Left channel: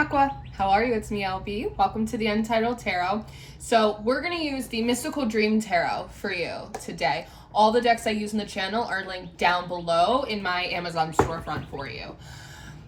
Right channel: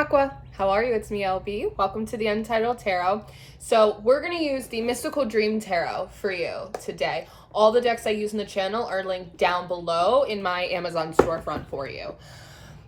Aqua, how are you? It's me, LB. Welcome to the Untitled Tarot. So we're going to use the Mystical Dream Tarot for you today. All the decks I use in the channel are linked down below in my Amazon storefront for you.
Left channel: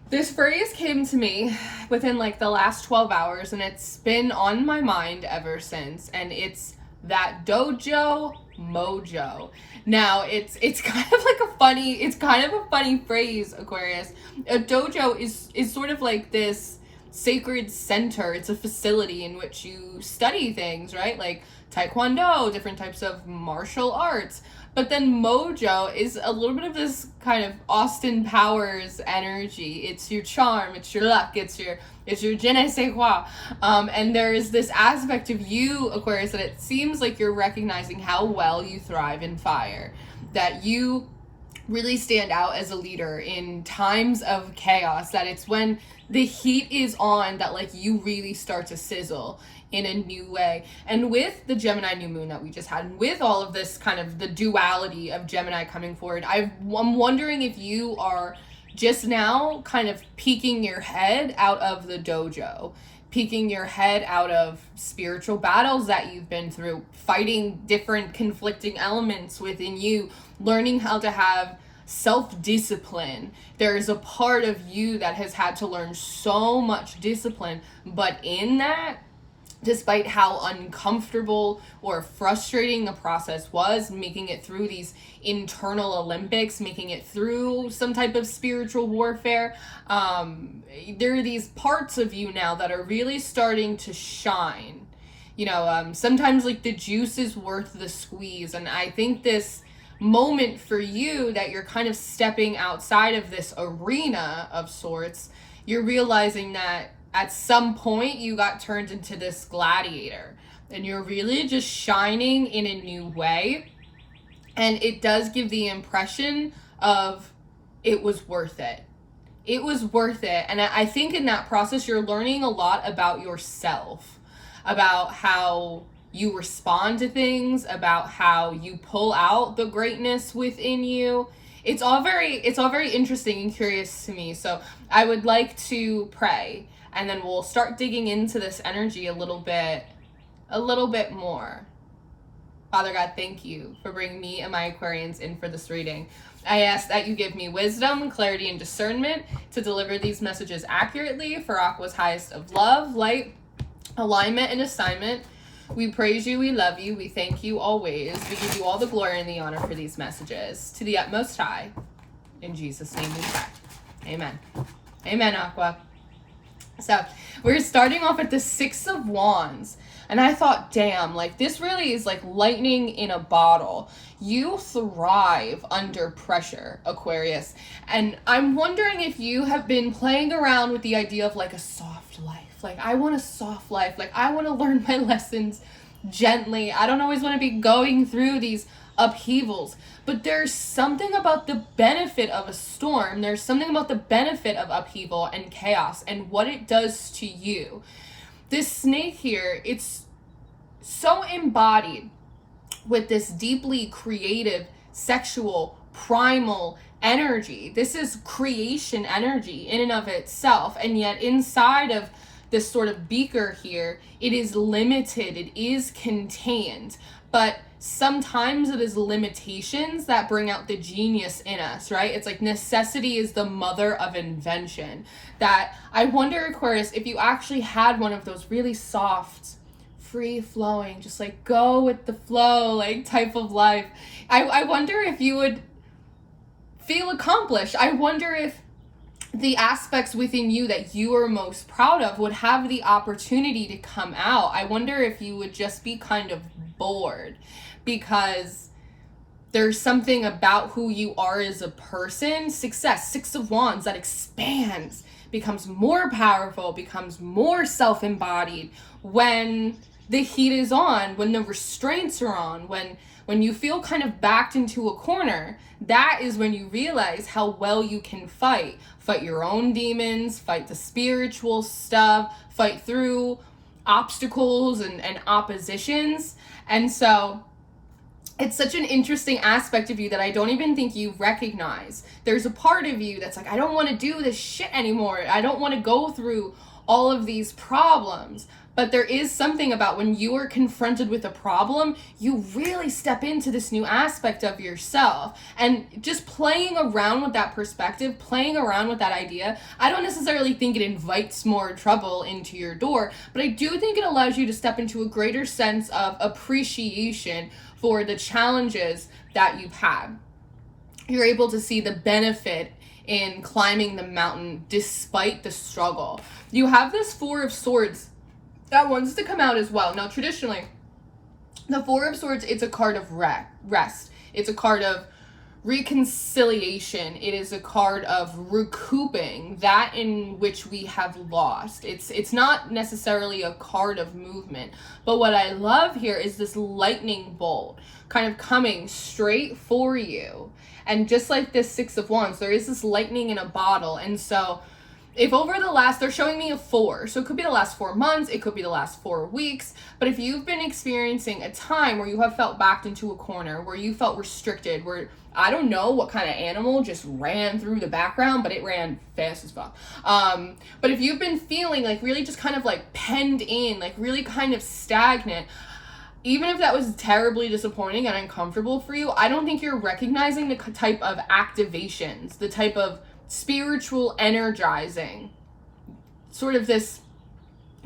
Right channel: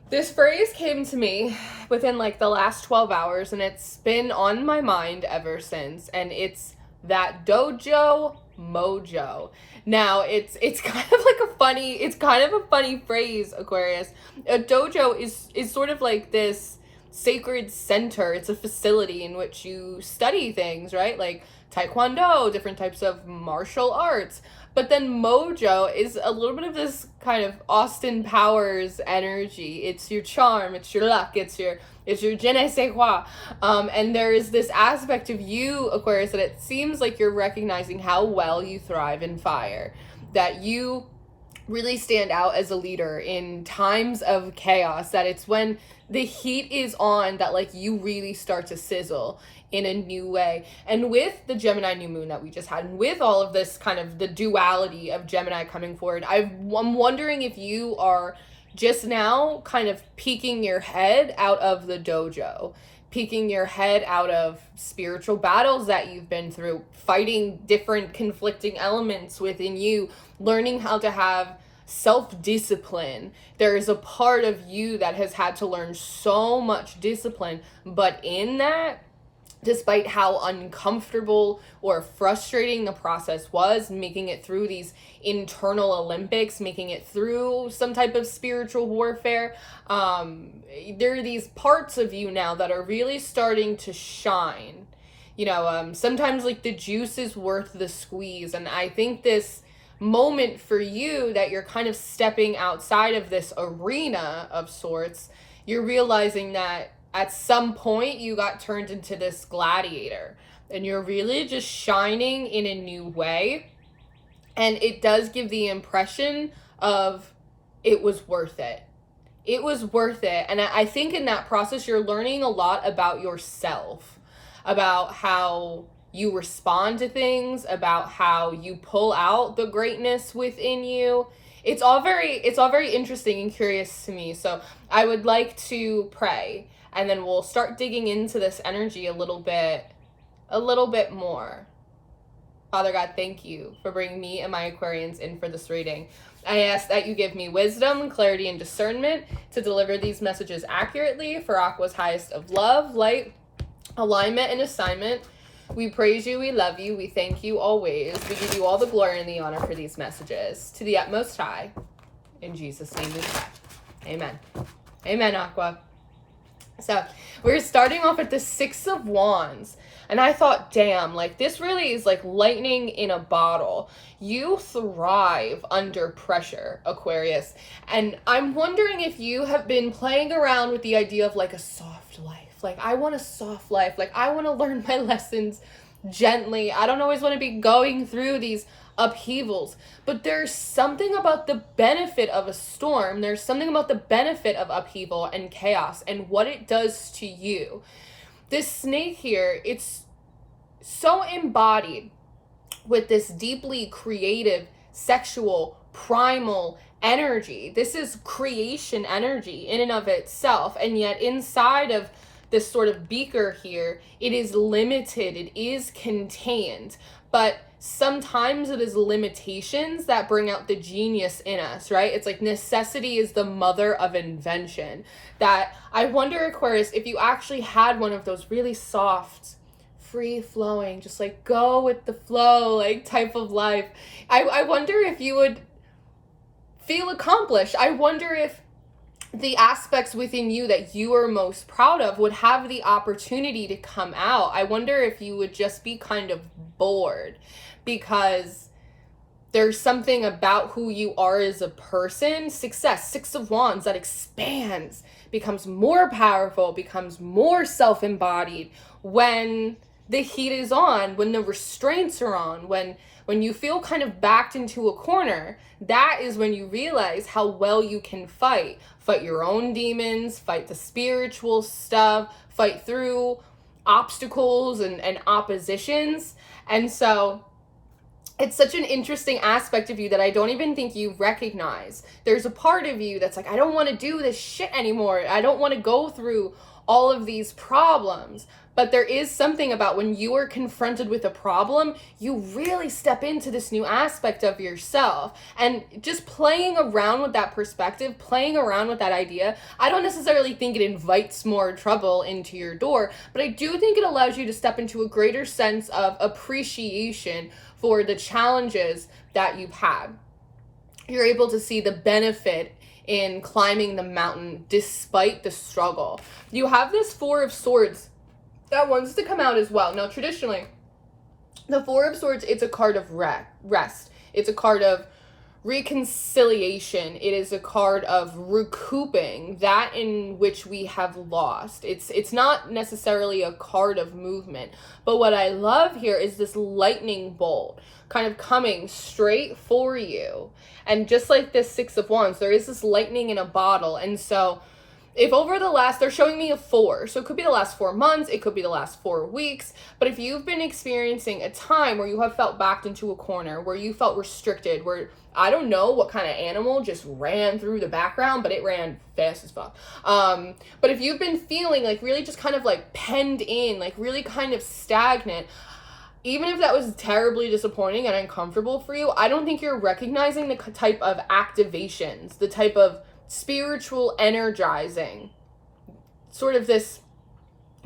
This phrase came to me within like the last 12 hours and it's been on my mind ever since, and it's that dojo mojo. Now it's kind of like a funny phrase, Aquarius. A dojo is sort of like this sacred center. It's a facility in which you study things, right? Like taekwondo, different types of martial arts. But then mojo is a little bit of this kind of Austin Powers energy. It's your charm, it's your luck, it's your je ne sais quoi. And there's this aspect of you, Aquarius, that it seems like you're recognizing how well you thrive in fire. That you really stand out as a leader in times of chaos. That it's when the heat is on that like you really start to sizzle in a new way. And with the Gemini new moon that we just had, and with all of this kind of the duality of Gemini coming forward, I'm wondering if you are just now kind of peeking your head out of the dojo, peeking your head out of spiritual battles that you've been through, fighting different conflicting elements within you, learning how to have self-discipline. There's a part of you that has had to learn so much discipline, but in that, despite how uncomfortable or frustrating the process was, making it through these internal Olympics, making it through some type of spiritual warfare, there are these parts of you now that are really starting to shine. You know, sometimes like the juice is worth the squeeze. And I think this moment for you that you're kind of stepping outside of this arena of sorts, you're realizing that at some point you got turned into this gladiator and you're really just shining in a new way. And it does give the impression of it was worth it. It was worth it. And I think in that process, you're learning a lot about yourself, about how you respond to things, about how you pull out the greatness within you. It's all very interesting and curious to me. So I would like to pray, and then we'll start digging into this energy a little bit more. Father God, thank you for bringing me and my Aquarians in for this reading. I ask that you give me wisdom, clarity, and discernment to deliver these messages accurately for Aqua's highest of love, light, alignment, and assignment. We praise you, we love you, we thank you always. We give you all the glory and the honor for these messages. To the utmost high. In Jesus' name we pray. Amen. Amen, Aqua. So we're starting off at the Six of Wands. And I thought, damn, like this really is like lightning in a bottle. You thrive under pressure, Aquarius. And I'm wondering if you have been playing around with the idea of like a soft life. Like I want a soft life. Like I want to learn my lessons gently. I don't always want to be going through these upheavals. But there's something about the benefit of a storm. There's something about the benefit of upheaval and chaos and what it does to you. This snake here, it's so embodied with this deeply creative, sexual, primal energy. This is creation energy in and of itself. And yet inside of this sort of beaker here, it is limited, it is contained. But sometimes it is limitations that bring out the genius in us, right? It's like necessity is the mother of invention. That I wonder, Aquarius, if you actually had one of those really soft, free-flowing, just like go with the flow, like type of life. I wonder if you would feel accomplished. I wonder if the aspects within you that you are most proud of would have the opportunity to come out. I wonder if you would just be kind of bored because there's something about who you are as a person. Success, Six of Wands, that expands, becomes more powerful, becomes more self-embodied when the heat is on, when the restraints are on, when you feel kind of backed into a corner. That is when you realize how well you can fight your own demons, fight the spiritual stuff, fight through obstacles and oppositions. And so it's such an interesting aspect of you that I don't even think you recognize. There's a part of you that's like, I don't want to do this shit anymore. I don't want to go through all of these problems. But there is something about when you are confronted with a problem, you really step into this new aspect of yourself. And just playing around with that perspective, playing around with that idea, I don't necessarily think it invites more trouble into your door, but I do think it allows you to step into a greater sense of appreciation for the challenges that you've had. You're able to see the benefit in climbing the mountain despite the struggle. You have this Four of Swords that wants to come out as well. Now, traditionally, the Four of Swords, it's a card of rest. It's a card of reconciliation. It is a card of recouping that in which we have lost. It's not necessarily a card of movement. But what I love here is this lightning bolt kind of coming straight for you. And just like this Six of Wands, there is this lightning in a bottle. And so if over the last, they're showing me a 4, so it could be the last 4 months, it could be the last 4 weeks, but if you've been experiencing a time where you have felt backed into a corner, where you felt restricted, where I don't know what kind of animal just ran through the background, but it ran fast as fuck. But if you've been feeling like really just kind of like penned in, like really kind of stagnant, even if that was terribly disappointing and uncomfortable for you, I don't think you're recognizing the type of activations, the type of spiritual energizing, sort of this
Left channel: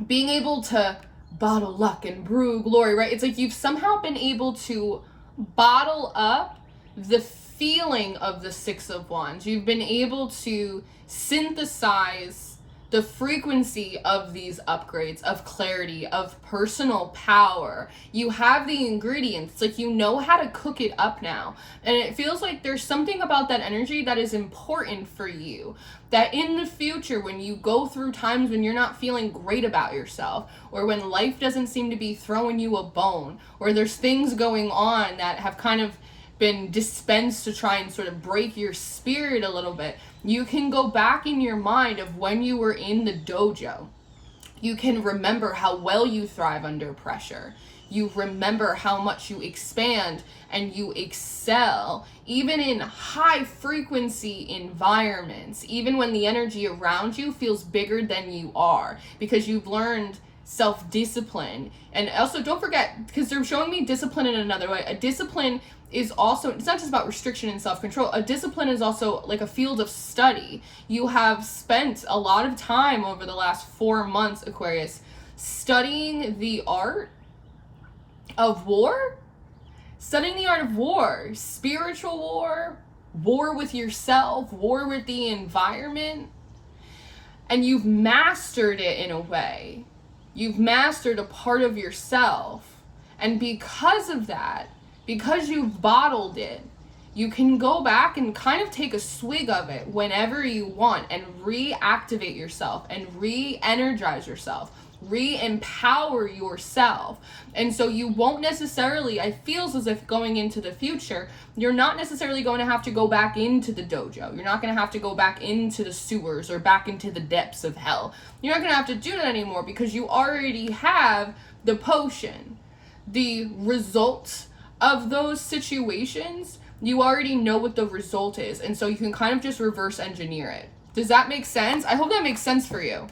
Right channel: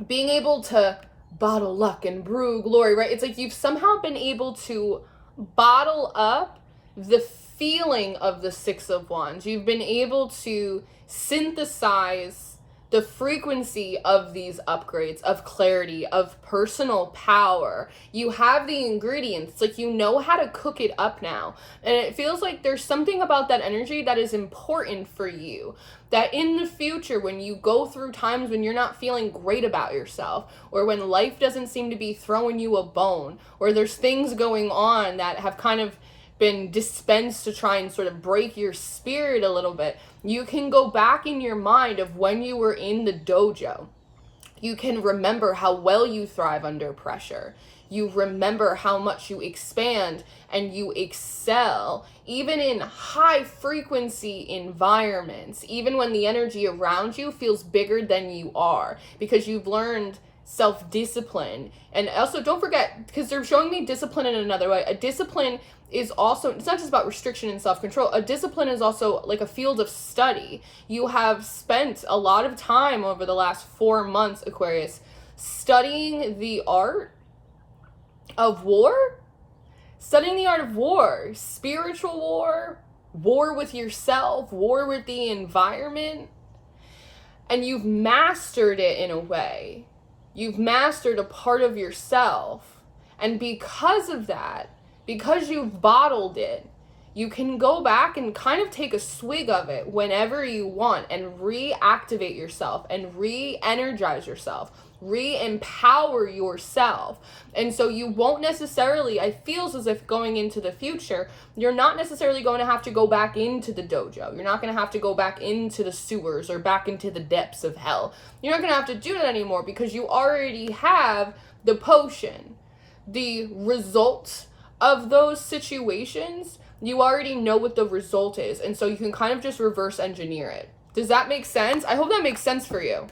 being able to bottle luck and brew glory, right? It's like you've somehow been able to bottle up the feeling of the Six of Wands. You've been able to synthesize the frequency of these upgrades, of clarity, of personal power. You have the ingredients, like you know how to cook it up now. And it feels like there's something about that energy that is important for you. That in the future, when you go through times when you're not feeling great about yourself, or when life doesn't seem to be throwing you a bone, or there's things going on that have kind of been dispensed to try and sort of break your spirit a little bit, you can go back in your mind of when you were in the dojo. You can remember how well you thrive under pressure. You remember how much you expand and you excel, even in high frequency environments, even when the energy around you feels bigger than you are, because you've learned self-discipline. And also don't forget, because they're showing me discipline in another way. A discipline is also, it's not just about restriction and self-control. A discipline is also like a field of study. You have spent a lot of time over the last 4 months, Aquarius, studying the art of war, spiritual war, war with yourself, war with the environment, and you've mastered it in a way. You've mastered a part of yourself, and because of that, because you've bottled it, you can go back and kind of take a swig of it whenever you want and reactivate yourself and re-energize yourself, re-empower yourself. And so you won't necessarily, I feel as if going into the future, you're not necessarily going to have to go back into the dojo. You're not going to have to go back into the sewers or back into the depths of hell. You're not going to have to do that anymore because you already have the potion. The result of those situations, you already know what the result is, and so you can kind of just reverse engineer it. Does that make sense? I hope that makes sense for you.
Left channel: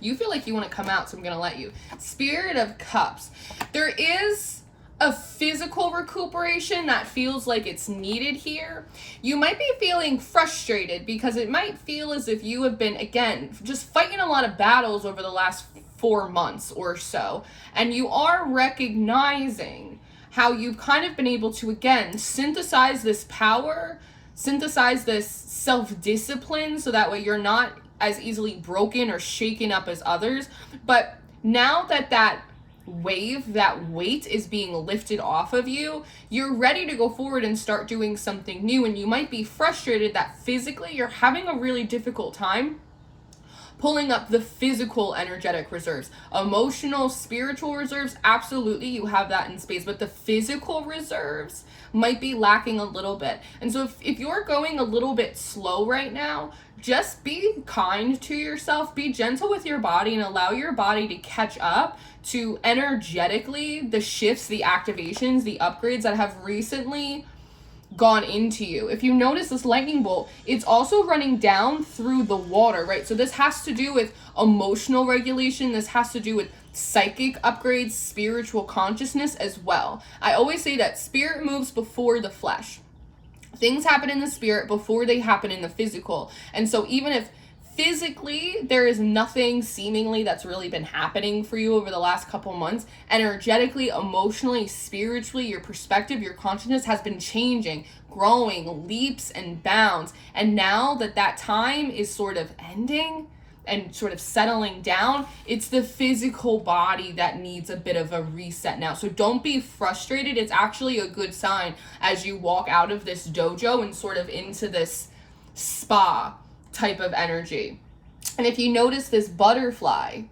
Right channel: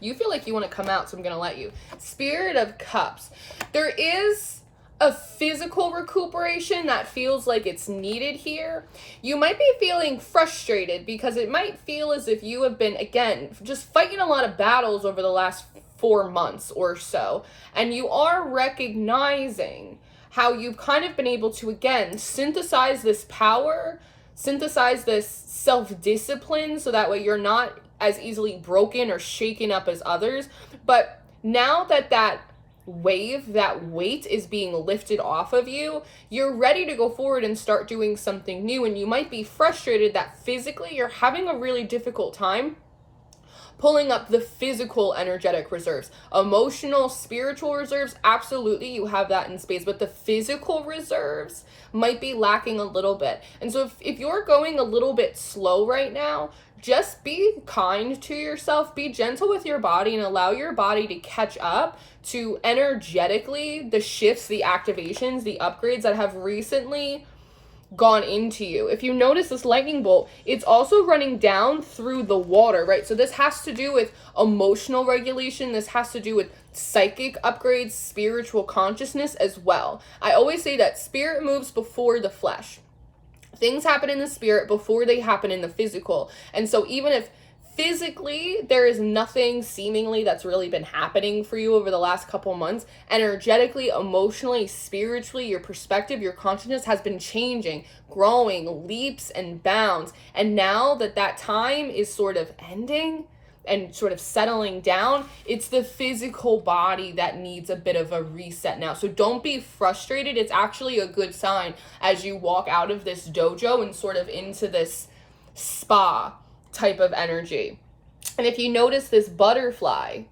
You feel like you want to come out, so I'm going to let you. Spirit of Cups. There is a physical recuperation that feels like it's needed here. You might be feeling frustrated because it might feel as if you have been, again, just fighting a lot of battles over the last 4 months or so, and you are recognizing how you've kind of been able to, again, synthesize this power, synthesize this self-discipline, so that way you're not as easily broken or shaken up as others. But now that that wave, that weight is being lifted off of you, you're ready to go forward and start doing something new. And you might be frustrated that physically you're having a really difficult time pulling up the physical energetic reserves. Emotional, spiritual reserves, absolutely, you have that in space, but the physical reserves might be lacking a little bit. And so if you're going a little bit slow right now, just be kind to yourself, be gentle with your body, and allow your body to catch up to energetically the shifts, the activations, the upgrades that have recently gone into you. If you notice this lightning bolt, it's also running down through the water, right? So this has to do with emotional regulation. This has to do with psychic upgrades, spiritual consciousness as well. I always say that spirit moves before the flesh. Things happen in the spirit before they happen in the physical. And so even if physically there is nothing seemingly that's really been happening for you over the last couple months, energetically, emotionally, spiritually, your perspective, your consciousness has been changing, growing, leaps and bounds. And now that that time is sort of ending and sort of settling down, it's the physical body that needs a bit of a reset now. So don't be frustrated. It's actually a good sign as you walk out of this dojo and sort of into this spa type of energy. And if you notice this butterfly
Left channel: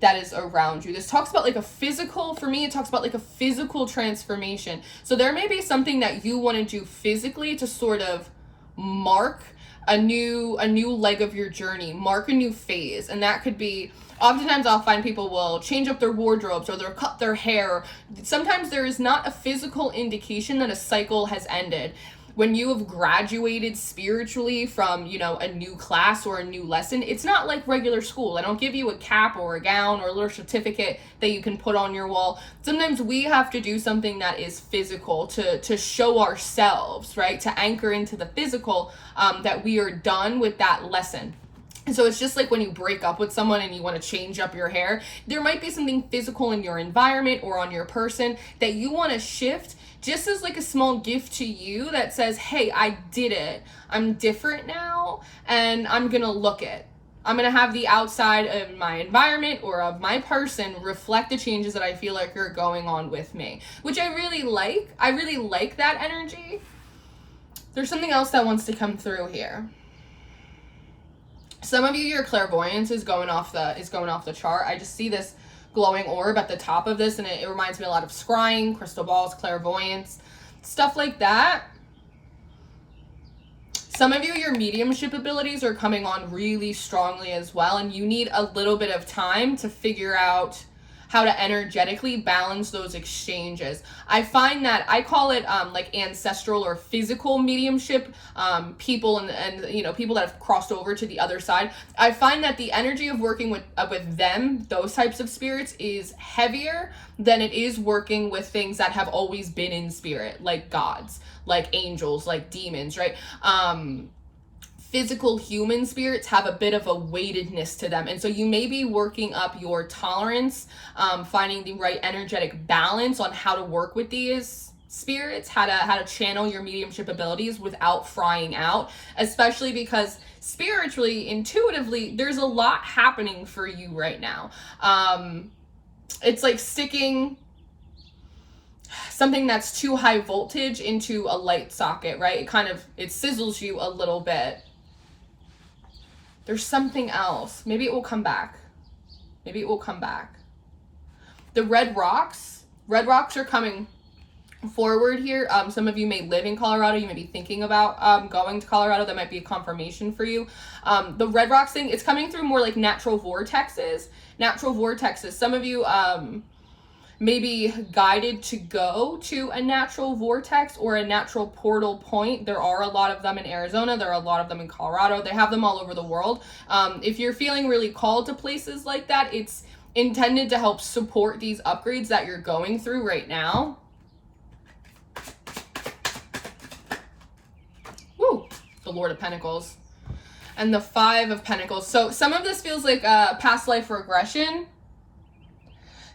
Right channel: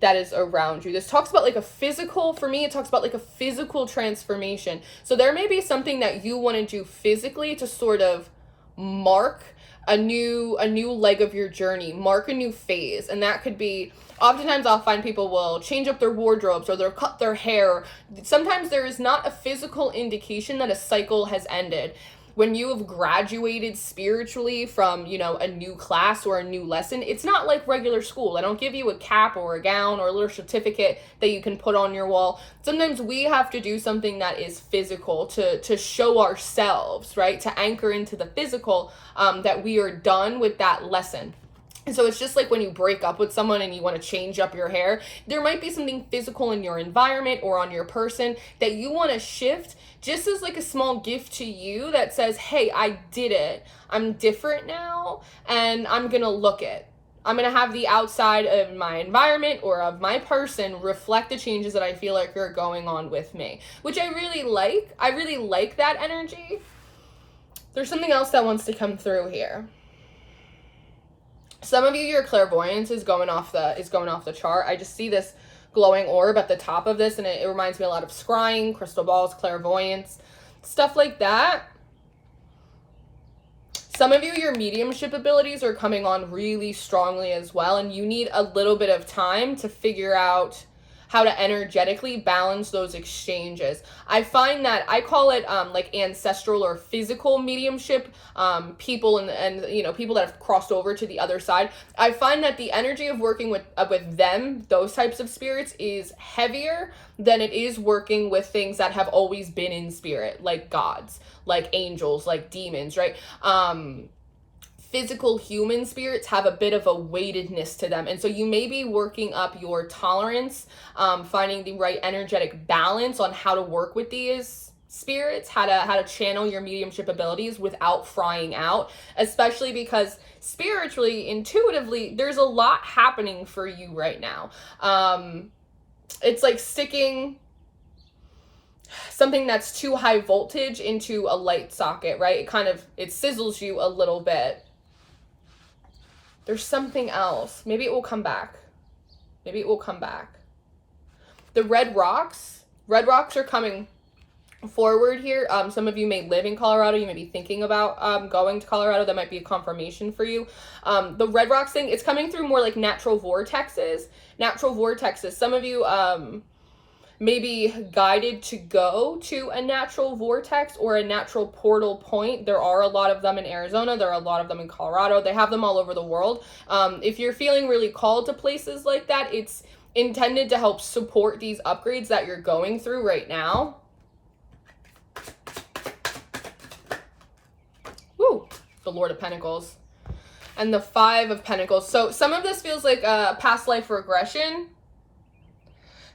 that is around you, this talks about like a physical, for me, it talks about like a physical transformation. So there may be something that you want to do physically to sort of mark a new leg of your journey, mark a new phase. And that could be, oftentimes I'll find people will change up their wardrobes or they'll cut their hair. Sometimes there is not a physical indication that a cycle has ended. When you have graduated spiritually from, you know, a new class or a new lesson, it's not like regular school. I don't give you a cap or a gown or a little certificate that you can put on your wall. Sometimes we have to do something that is physical to show ourselves, right? To anchor into the physical, that we are done with that lesson. And so it's just like when you break up with someone and you want to change up your hair, there might be something physical in your environment or on your person that you want to shift, just as like a small gift to you that says, hey, I did it. I'm different now and I'm going to look it. I'm going to have the outside of my environment or of my person reflect the changes that I feel like are going on with me, which I really like. I really like that energy. There's something else that wants to come through here. Some of you, your clairvoyance is going off the chart. I just see this glowing orb at the top of this, and it reminds me a lot of scrying, crystal balls, clairvoyance, stuff like that. Some of you, your mediumship abilities are coming on really strongly as well, and you need a little bit of time to figure out how to energetically balance those exchanges. I find that I call it like ancestral or physical mediumship, people and you know, people that have crossed over to the other side. I find that the energy of working with them, those types of spirits, is heavier than it is working with things that have always been in spirit, like gods, like angels, like demons, right? Physical human spirits have a bit of a weightedness to them. And so you may be working up your tolerance, finding the right energetic balance on how to work with these spirits, how to channel your mediumship abilities without frying out, especially because spiritually, intuitively, there's a lot happening for you right now. It's like sticking something that's too high voltage into a light socket, right? It sizzles you a little bit. There's something else. Maybe it will come back. Maybe it will come back. The red rocks are coming forward here. Some of you may live in Colorado. You may be thinking about going to Colorado. That might be a confirmation for you. The red rocks thing, it's coming through more like natural vortexes. Some of you may be guided to go to a natural vortex or a natural portal point. There are a lot of them in Arizona. There are a lot of them in Colorado. They have them all over the world. If you're feeling really called to places like that, it's intended to help support these upgrades that you're going through right now. Woo, the Lord of Pentacles and the Five of Pentacles. So some of this feels like past life regression.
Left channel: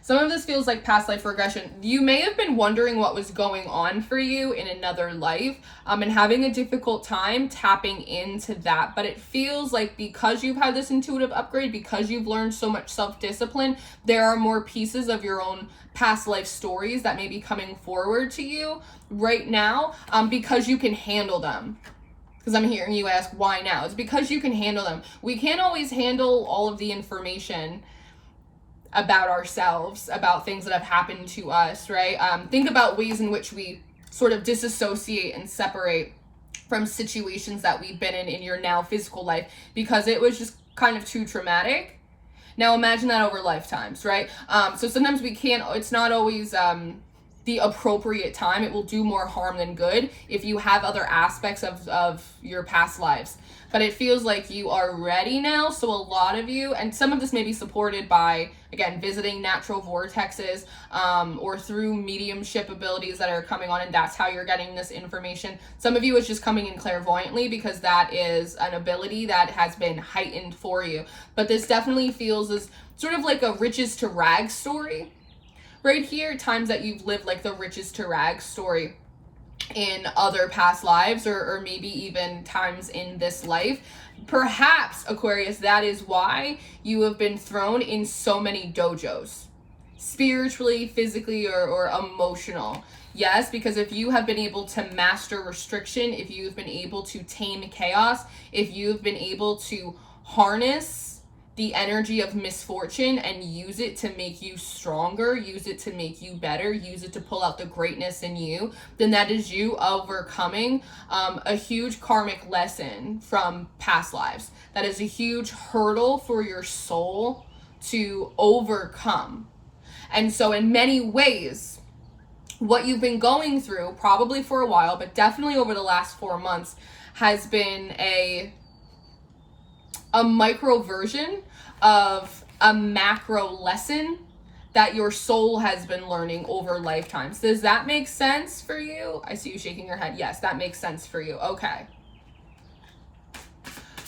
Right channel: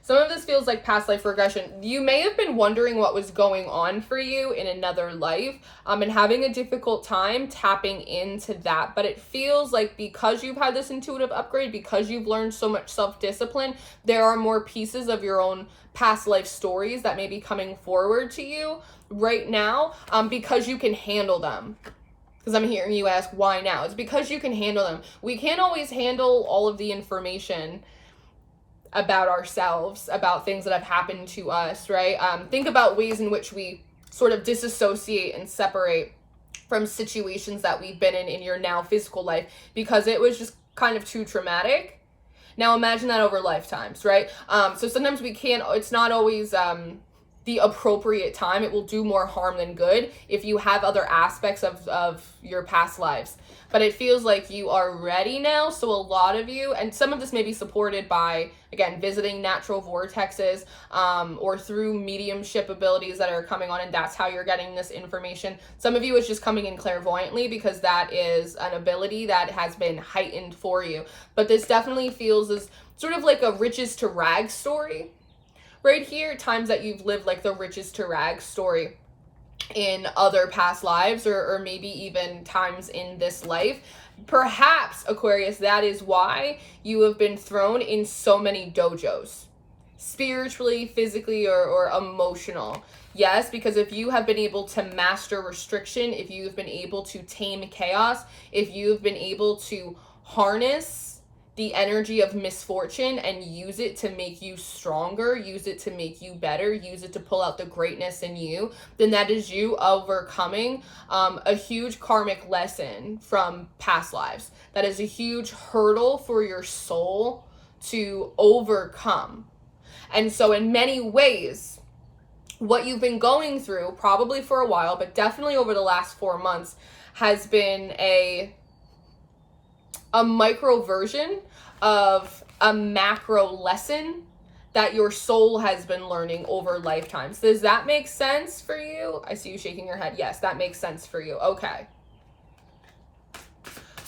Some of this feels like past life regression. You may have been wondering what was going on for you in another life, and having a difficult time tapping into that. But it feels like because you've had this intuitive upgrade, because you've learned so much self-discipline, there are more pieces of your own past life stories that may be coming forward to you right now, because you can handle them. Because I'm hearing you ask, why now? It's because you can handle them. We can't always handle all of the information about ourselves, about things that have happened to us, right? Think about ways in which we sort of disassociate and separate from situations that we've been in your now physical life because it was just kind of too traumatic. Now imagine that over lifetimes, right? So sometimes we can't, it's not always the appropriate time. It will do more harm than good if you have other aspects of your past lives. But it feels like you are ready now. So a lot of you, and some of this may be supported by, again, visiting natural vortexes, or through mediumship abilities that are coming on, and that's how you're getting this information. Some of you is just coming in clairvoyantly because that is an ability that has been heightened for you. But this definitely feels as sort of like a riches to rags story. Right here, times that you've lived like the riches to rags story in other past lives, or maybe even times in this life. Perhaps, Aquarius, that is why you have been thrown in so many dojos, spiritually, physically, or emotional. Yes, because if you have been able to master restriction, if you've been able to tame chaos, if you've been able to harness the energy of misfortune and use it to make you stronger, use it to make you better, use it to pull out the greatness in you, then that is you overcoming a huge karmic lesson from past lives. That is a huge hurdle for your soul to overcome. And so in many ways, what you've been going through, probably for a while, but definitely over the last 4 months, has been a micro version of a macro lesson that your soul has been learning over lifetimes. Does that make sense for you? I see you shaking your head. Yes, that makes sense for you. Okay.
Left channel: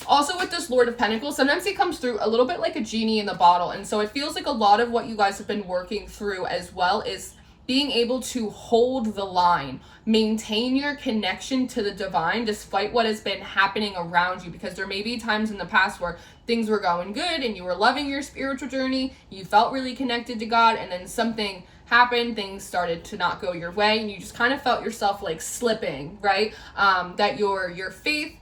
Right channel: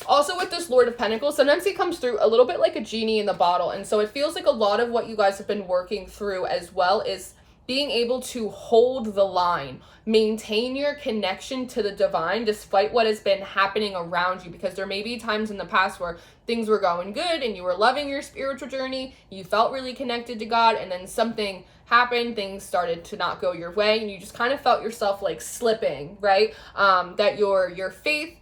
Also with this Lord of Pentacles, sometimes he comes through a little bit like a genie in the bottle. And so it feels like a lot of what you guys have been working through as well is being able to hold the line, maintain your connection to the divine despite what has been happening around you, because there may be times in the past where things were going good and you were loving your spiritual journey, you felt really connected to God, and then something happened, things started to not go your way, and you just kind of felt yourself like slipping, right? That your faith,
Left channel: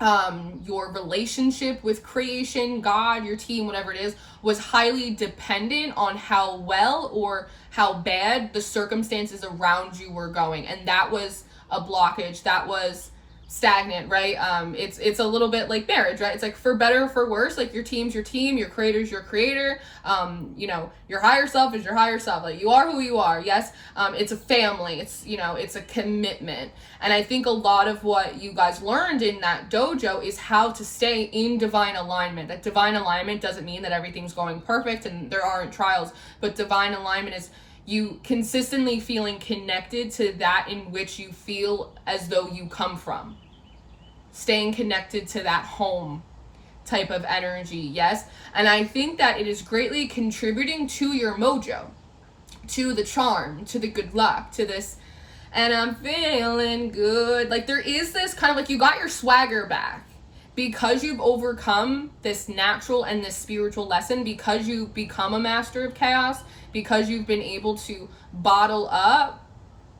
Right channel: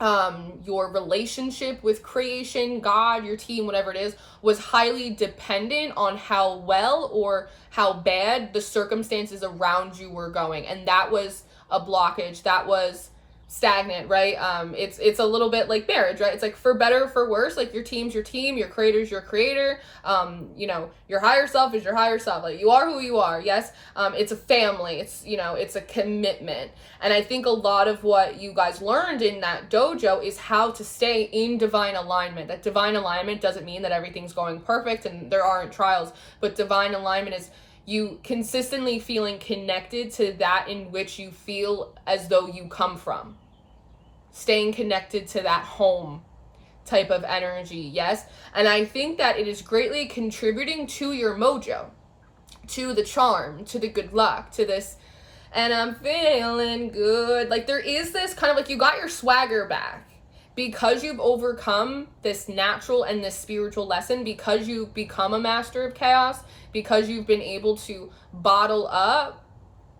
your relationship with creation, God, your team, whatever it is, was highly dependent on how well or how bad the circumstances around you were going. And that was a blockage. That was stagnant, right? It's a little bit like marriage, right? It's like for better or for worse, like your team's your team, your creator's your creator, your higher self is your higher self. Like you are who you are. Yes. It's a family. It's, it's a commitment. And I think a lot of what you guys learned in that dojo is how to stay in divine alignment. That divine alignment doesn't mean that everything's going perfect and there aren't trials, but divine alignment is you consistently feeling connected to that in which you feel as though you come from. Staying connected to that home type of energy, yes? And I think that it is greatly contributing to your mojo, to the charm, to the good luck, to this, and I'm feeling good. Like there is this kind of like you got your swagger back because you've overcome this natural and this spiritual lesson, because you've become a master of chaos, because you've been able to bottle up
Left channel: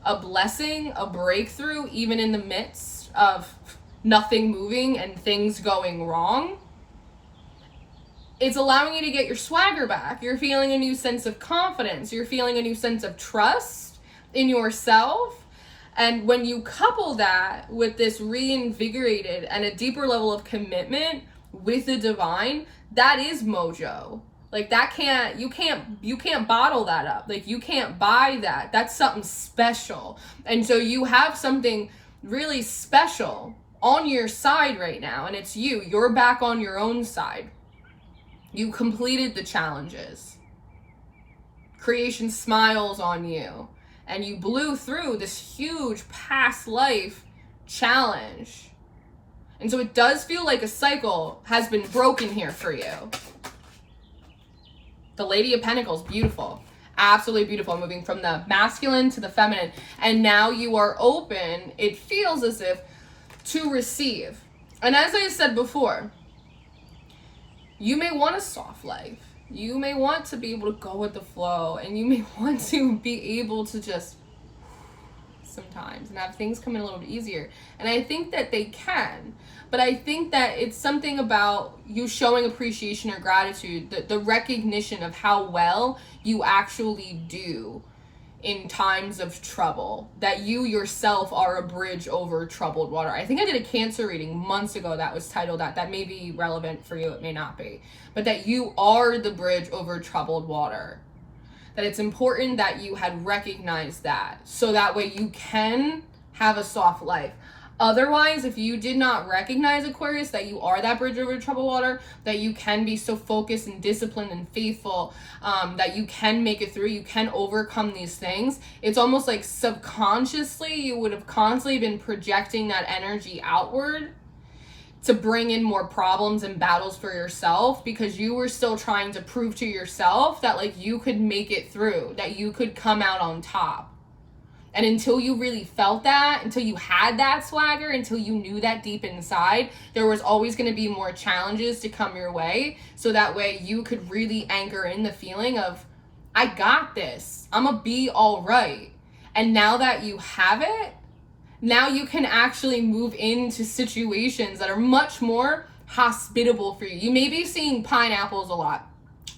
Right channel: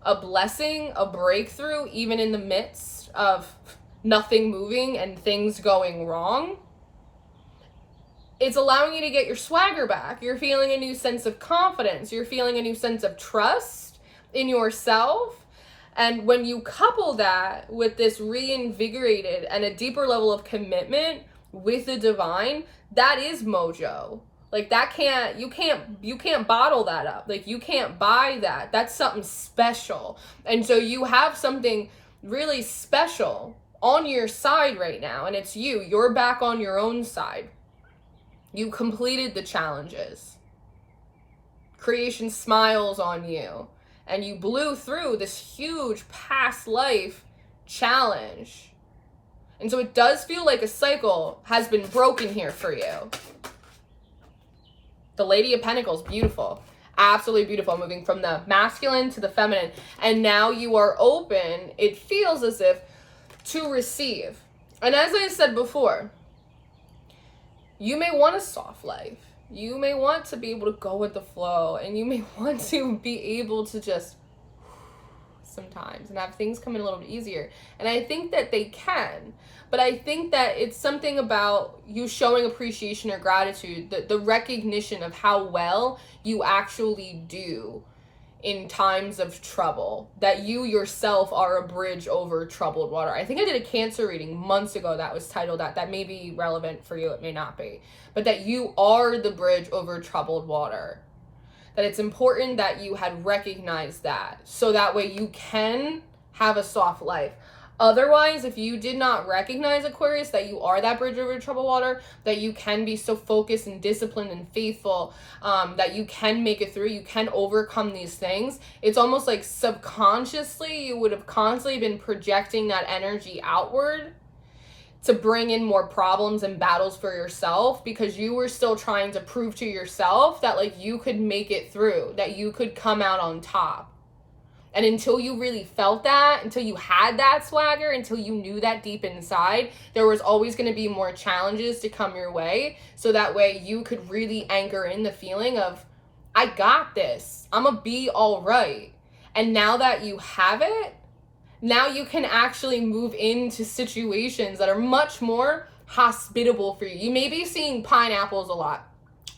a blessing, a breakthrough, even in the midst of nothing moving and things going wrong. It's allowing you to get your swagger back. You're feeling a new sense of confidence. You're feeling a new sense of trust in yourself. And when you couple that with this reinvigorated and a deeper level of commitment with the divine, that is mojo. Like that you can't bottle that up. Like you can't buy that. That's something special. And so you have something really special on your side right now, and it's you. You're back on your own side. You completed the challenges. Creation smiles on you, and you blew through this huge past life challenge. And so it does feel like a cycle has been broken here for you. The Lady of Pentacles, beautiful. Absolutely beautiful, moving from the masculine to the feminine. And now you are open, it feels as if, to receive. And as I said before, you may want a soft life. You may want to be able to go with the flow, and you may want to be able to just sometimes and have things come in a little bit easier. And I think that they can, but I think that it's something about you showing appreciation or gratitude, the recognition of how well you actually do in times of trouble, that you yourself are a bridge over troubled water. I think I did a Cancer reading months ago that was titled that may be relevant for you, it may not be, but that you are the bridge over troubled water. that it's important that you had recognized that, so that way you can have a soft life. Otherwise, if you did not recognize, Aquarius, that you are that bridge over troubled water, that you can be so focused and disciplined and faithful, that you can make it through, you can overcome these things, it's almost like subconsciously you would have constantly been projecting that energy outward to bring in more problems and battles for yourself, because you were still trying to prove to yourself that like you could make it through, that you could come out on top. And until you really felt that, until you had that swagger, until you knew that deep inside, there was always going to be more challenges to come your way. So that way you could really anchor in the feeling of, I got this, I'm gonna be all right. And now that you have it, now you can actually move into situations that are much more hospitable for you. You may be seeing pineapples a lot.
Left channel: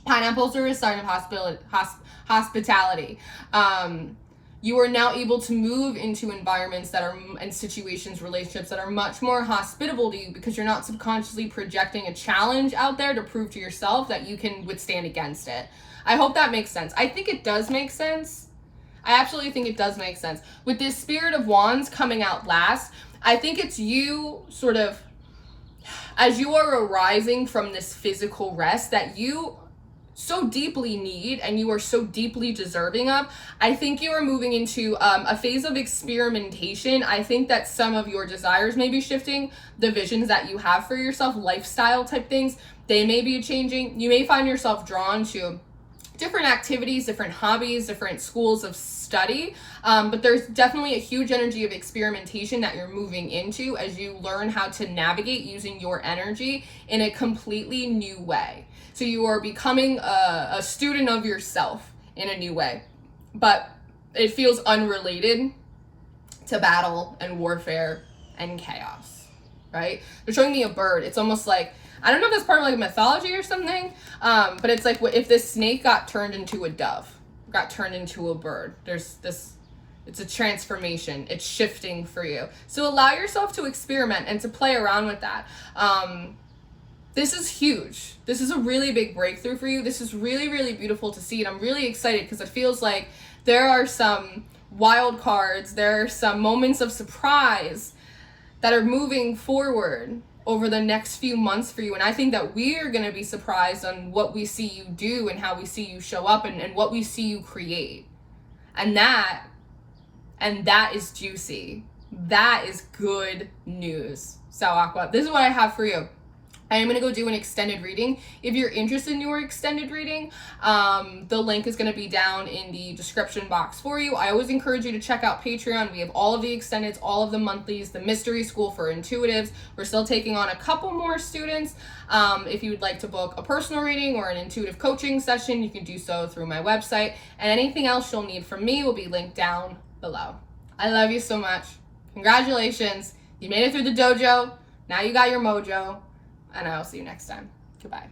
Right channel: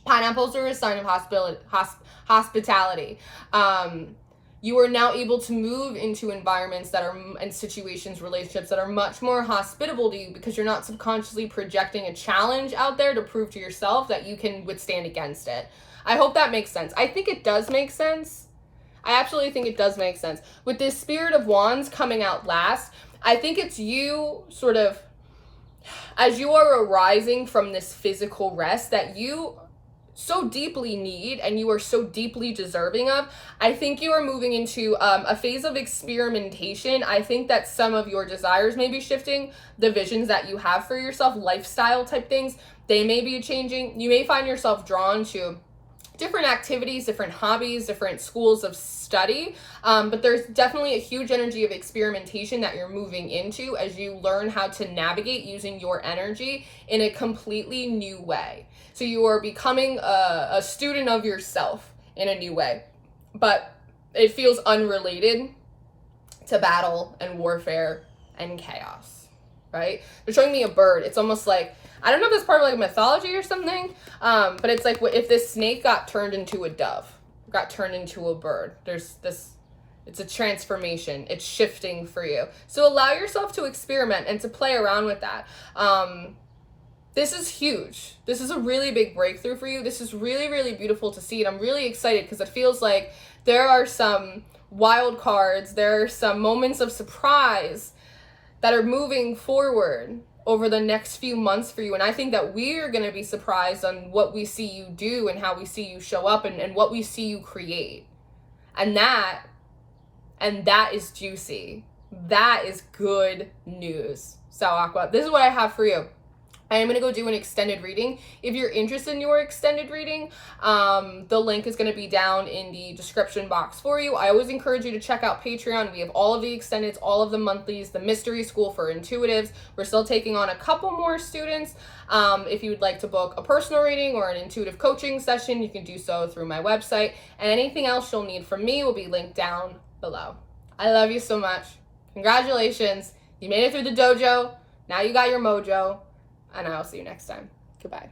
Pineapples are a sign of hospitality. You are now able to move into environments that are, and situations, relationships that are much more hospitable to you, because you're not subconsciously projecting a challenge out there to prove to yourself that you can withstand against it. I hope that makes sense. I think it does make sense. I absolutely think it does make sense. With this Spirit of Wands coming out last, I think it's you sort of, as you are arising from this physical rest that you so deeply need and you are so deeply deserving of, I think you are moving into a phase of experimentation. I think that some of your desires may be shifting, the visions that you have for yourself, lifestyle type things, they may be changing. You may find yourself drawn to different activities, different hobbies, different schools of study, but there's definitely a huge energy of experimentation that you're moving into as you learn how to navigate using your energy in a completely new way. So you are becoming a student of yourself in a new way, but it feels unrelated to battle and warfare and chaos, right? They're showing me a bird. It's almost like, I don't know if it's part of like mythology or something, but it's like if this snake got turned into a dove, got turned into a bird, there's this, it's a transformation, it's shifting for you. So allow yourself to experiment and to play around with that. This is huge. This is a really big breakthrough for you. This is really, really beautiful to see. And I'm really excited because it feels like there are some wild cards. There are some moments of surprise that are moving forward over the next few months for you. And I think that we're going to be surprised on what we see you do and how we see you show up and what we see you create. And that is juicy. That is good news. So Aqua, this is what I have for you. I am going to go do an extended reading. If you're interested in your extended reading, the link is going to be down in the description box for you. I always encourage you to check out Patreon. We have all of the extendeds, all of the monthlies, the mystery school for intuitives. We're still taking on a couple more students. If you would like to book a personal reading or an intuitive coaching session, you can do so through my website. And anything else you'll need from me will be linked down below. I love you so much. Congratulations. You made it through the dojo. Now you got your mojo. And I'll see you next time. Goodbye.